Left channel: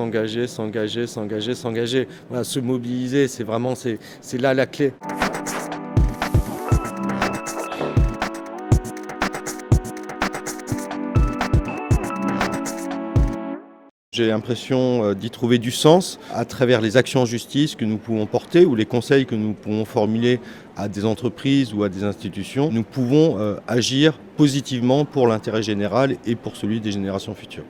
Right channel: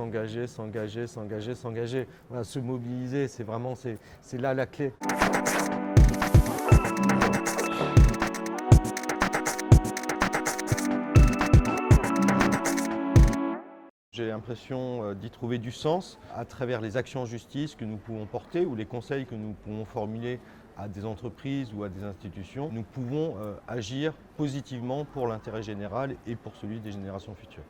s'engager, s'engager, s'engager, s'engager. Voilà, se mobiliser, c'est là la clé. J'ai l'impression d'y trouver du sens à travers les actions en justice que nous pouvons porter ou les conseils que nous pouvons formuler à des entreprises ou à des institutions. Nous pouvons agir positivement pour l'intérêt général et pour celui des générations futures.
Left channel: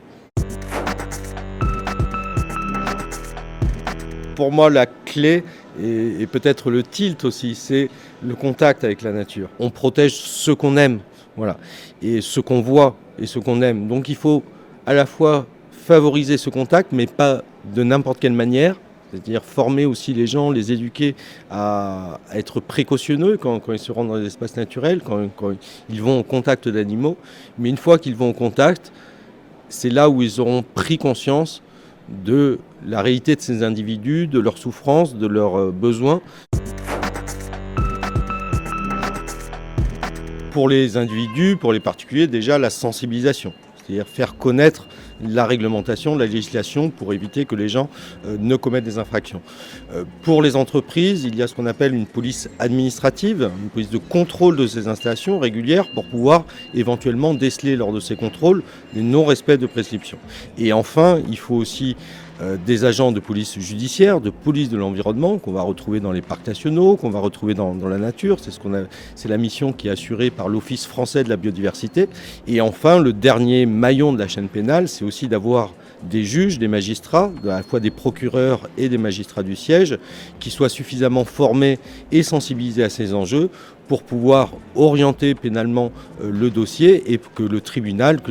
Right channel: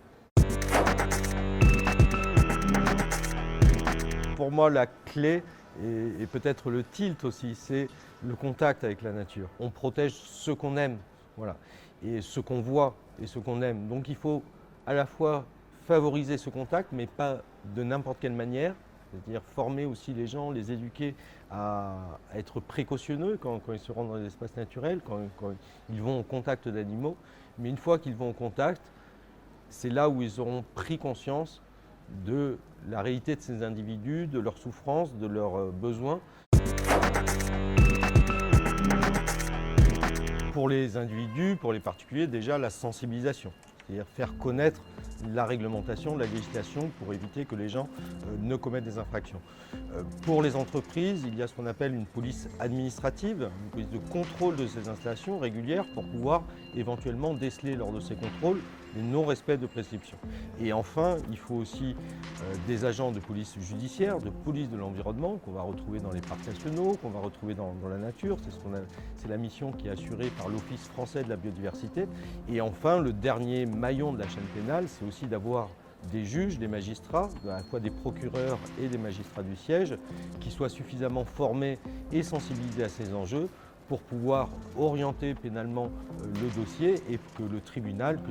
Pour moi, la clé et peut-être le tilt aussi, c'est le contact avec la nature. On protège ce qu'on aime, voilà, et ce qu'on voit et ce qu'on aime. Donc il faut à la fois favoriser ce contact, mais pas de n'importe quelle manière. C'est-à-dire former aussi les gens, les éduquer à être précautionneux quand ils se rendent dans les espaces naturels, quand ils vont au contact d'animaux. Mais une fois qu'ils vont au contact, c'est là où ils auront pris conscience de la réalité de ces individus, de leurs souffrances, de leurs besoins. Pour les individus, pour les particuliers, déjà la sensibilisation, c'est-à-dire faire connaître la réglementation, la législation pour éviter que les gens ne commettent des infractions. Pour les entreprises, il y a ce qu'on appelle une police administrative, une police de contrôle de ces installations régulières pour pouvoir éventuellement déceler lors de ces contrôles des non-respects de prescriptions. Et enfin, il faut aussi des agents de police judiciaire, de police de l'environnement qu'on va retrouver dans les parcs nationaux, qu'on va retrouver dans la nature. C'est la mission qui est assurée par l'Office français de la biodiversité. Et enfin, le dernier maillon de la chaîne pénale, c'est aussi d'avoir des juges, des magistrats, à la fois des procureurs et des magistrats du siège, qui soient suffisamment formés et sensibilisés à ces enjeux pour pouvoir orienter pénalement le dossier et que les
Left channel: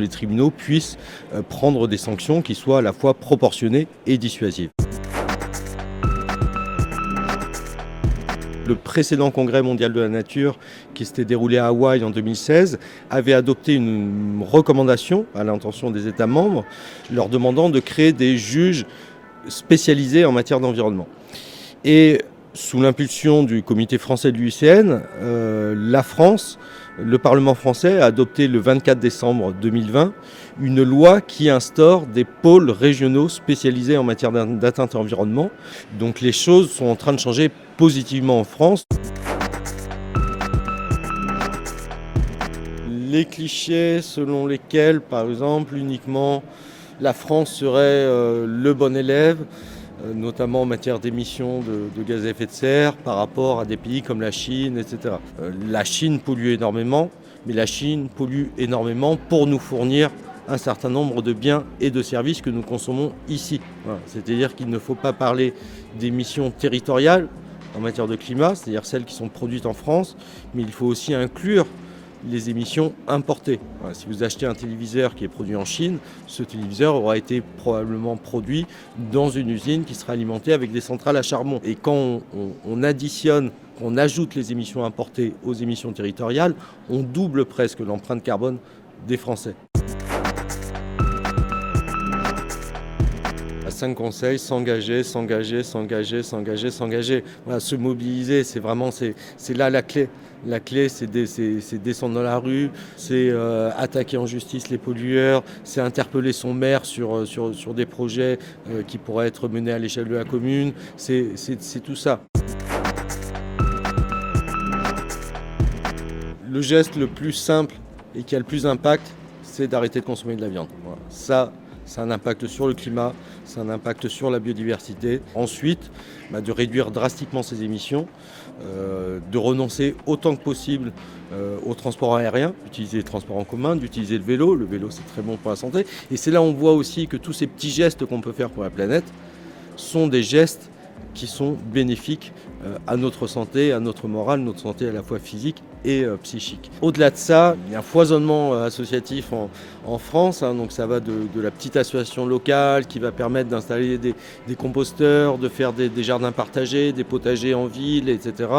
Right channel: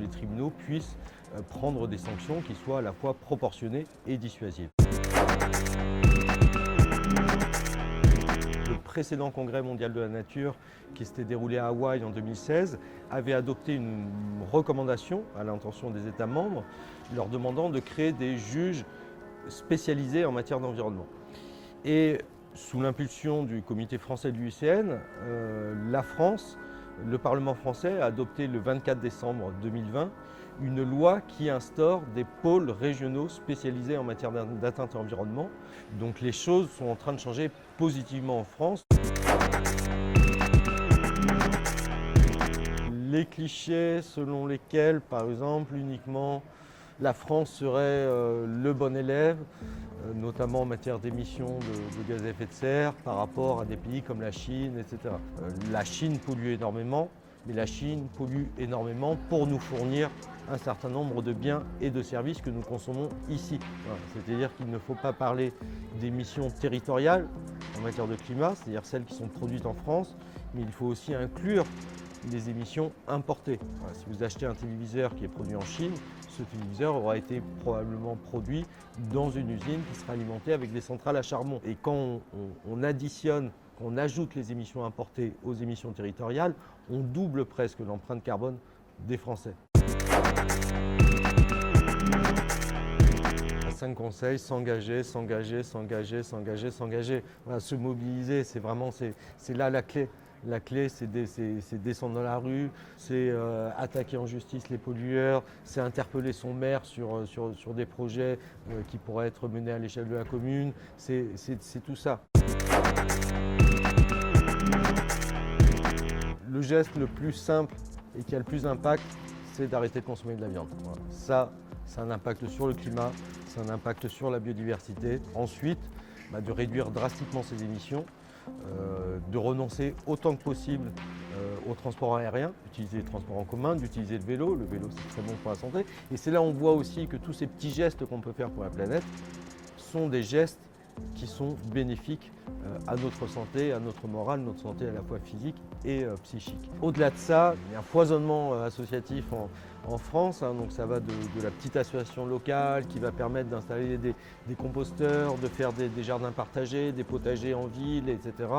tribunaux puissent prendre des sanctions qui soient à la fois proportionnées et dissuasives. Le précédent congrès mondial de la nature qui s'était déroulé à Hawaï en 2016 avait adopté une recommandation à l'intention des États membres leur demandant de créer des juges spécialisés en matière d'environnement. Et sous l'impulsion du comité français de l'UICN, la France, le Parlement français a adopté le 24 décembre 2020 une loi qui instaure des pôles régionaux spécialisés en matière d'atteinte à l'environnement. Donc les choses sont en train de changer positivement en France. Les clichés selon lesquels, par exemple, uniquement la France serait le bon élève, notamment en matière d'émissions de gaz à effet de serre par rapport à des pays comme la Chine, etc. La Chine pollue énormément, mais la Chine pollue énormément pour nous fournir un certain nombre de biens et de services que nous consommons ici. Voilà. C'est-à-dire qu'il ne faut pas parler d'émissions territoriales en matière de climat, c'est-à-dire celles qui sont produites en France, mais il faut aussi inclure les émissions importées. Voilà, si vous achetez un téléviseur qui est produit en Chine, ce téléviseur aura été probablement produit dans une usine qui sera alimentée avec des centrales à charbon. Et quand on additionne, on ajoute les émissions importées aux émissions territoriales, on double presque l'empreinte carbone des Français. 5 conseils, s'engager, s'engager, s'engager, s'engager, s'engager. Voilà, se mobiliser, c'est là la clé. La clé, c'est descendre dans la rue, c'est attaquer en justice les pollueurs, c'est interpeller son maire sur des projets qui pourraient être menés à l'échelle de la commune. C'est tout ça. Le geste le plus simple et qui a le plus d'impact, c'est d'arrêter de consommer de la viande. Voilà. Ça a un impact sur le climat, ça a un impact sur la biodiversité. Ensuite, de réduire drastiquement ses émissions, de renoncer autant que possible au transport aérien, d'utiliser les transports en commun, d'utiliser le vélo. Le vélo, c'est très bon pour la santé. Et c'est là où on voit aussi que tous ces petits gestes qu'on peut faire pour la planète sont des gestes qui sont bénéfiques à notre santé, à notre morale, notre santé à la fois physique et psychique. Au-delà de ça, il y a un foisonnement associatif en France, donc ça va de la petite association locale qui va permettre d'installer des composteurs, de faire des jardins partagés, des potagers en ville, etc.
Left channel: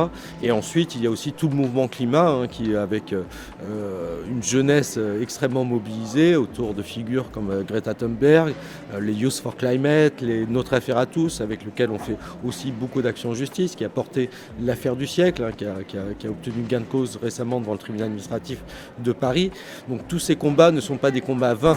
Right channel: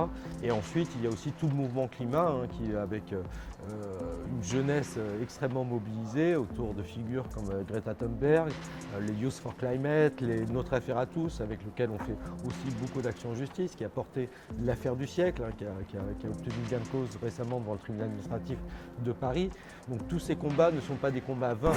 Et ensuite, il y a aussi tout le mouvement climat qui, avec une jeunesse extrêmement mobilisée autour de figures comme Greta Thunberg, les Youth for Climate, Notre affaire à tous, avec lequel on fait aussi beaucoup d'actions en justice, qui a porté l'affaire du siècle, qui a obtenu gain de cause récemment devant le tribunal administratif de Paris. Donc tous ces combats ne sont pas des combats vains.